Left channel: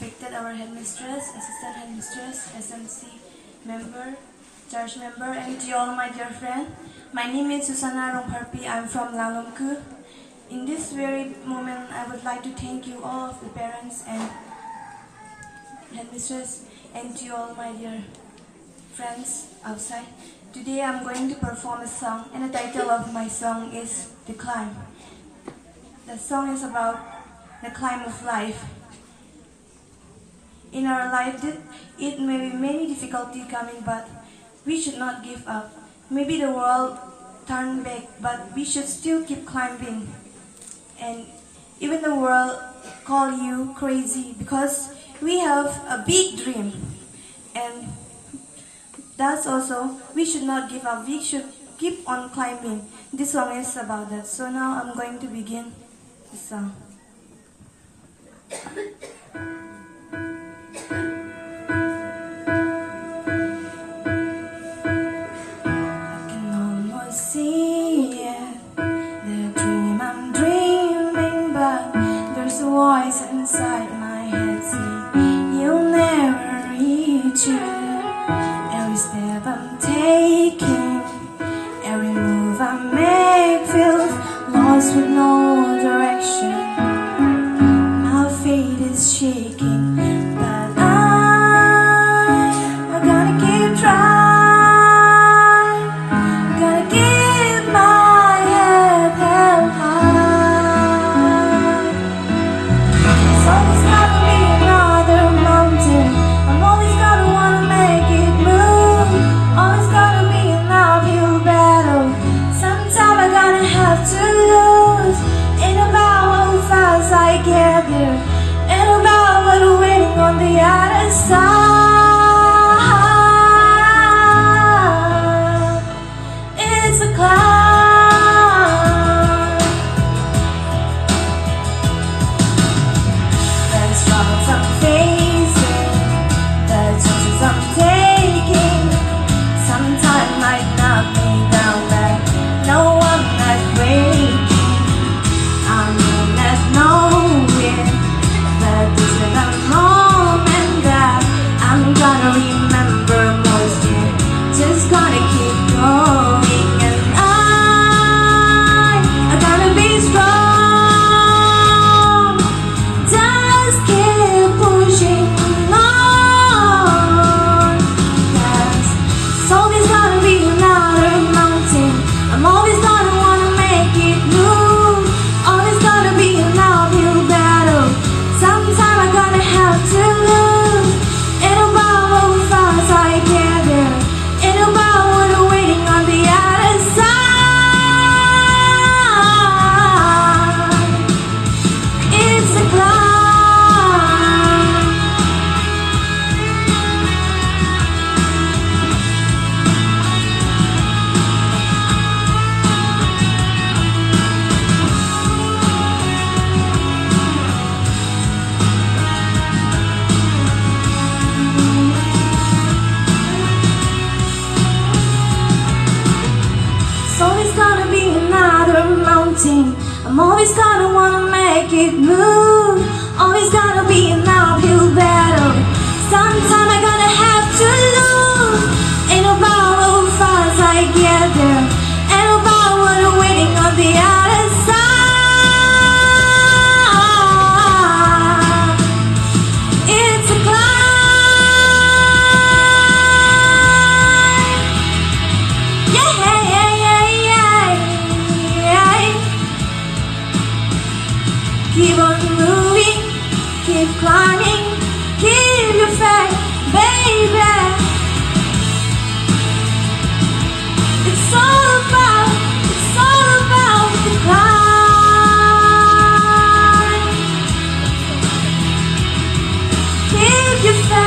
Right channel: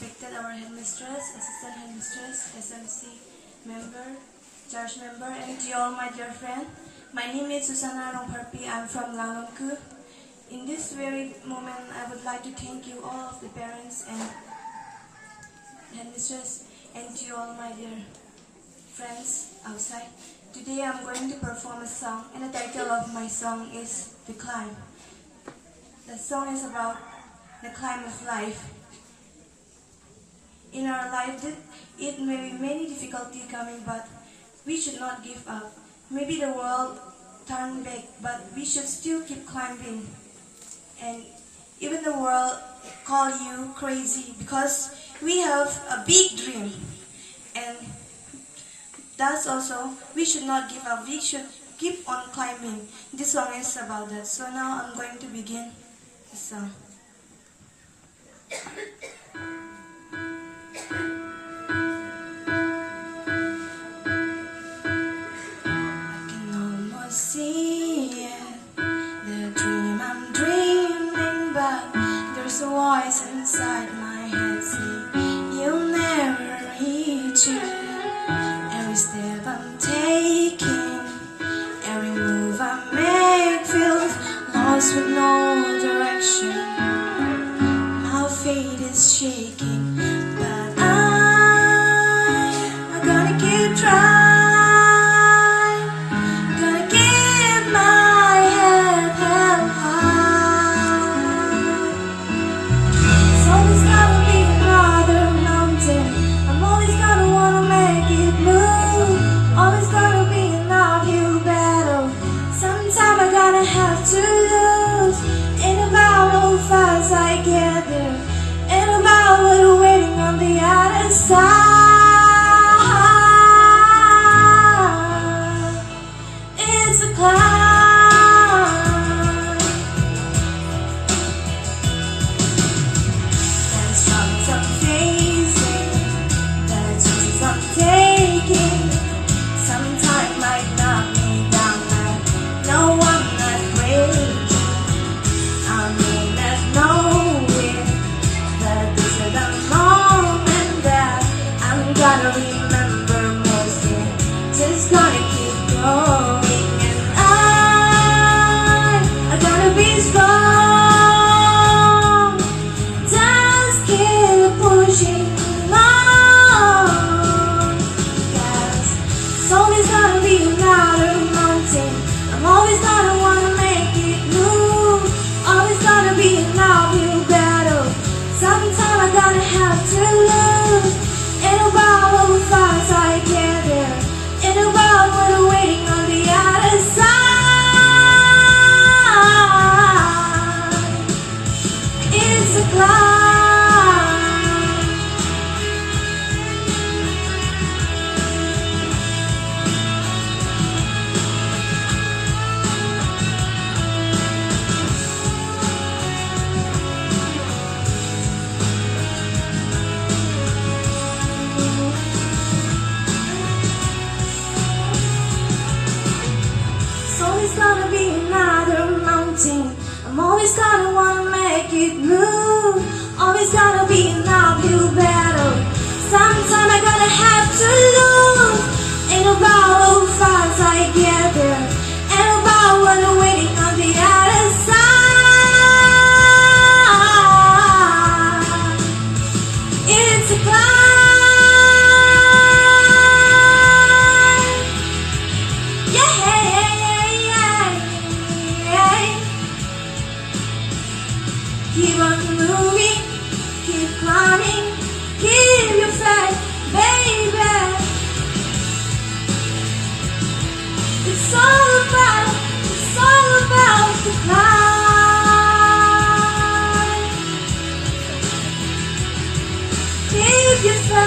respected our headmistress, assistant headmistress, SMC member, church member, and to all my dear friends. My name is Susanna Rongparpi. I'm from Lalongku. In this very moment, I would like to thank you all of the parents and headmistress, and to all my dear friends outside. Today I'm going to perform a song, and the title of my song is The Climb. The song is about the climb of life. In our life, it may be many difficulties coming, but we should not give up. Maybe the world turn back, but we should still keep climbing. And even the world call you crazy because we have a big dream. And thus also, we should not give up. We should keep on climbing. This song is about that. So now I'm going to begin the song. Voice inside my head saying you'll never reach it. Every step I'm taking, every move I make feels lost with no direction. My faith is shaking, but I'm gonna keep trying, gonna keep my head held high. I'm always gonna wanna make it move. Always gonna be an uphill battle. Sometime I'm gonna have to lose. Ain't about how fast I get there. Ain't about what I'm waiting on the other side. It's a climb. Yeah. Keep on moving, keep climbing, keep your faith, baby. It's all about the climb. Keep your faith.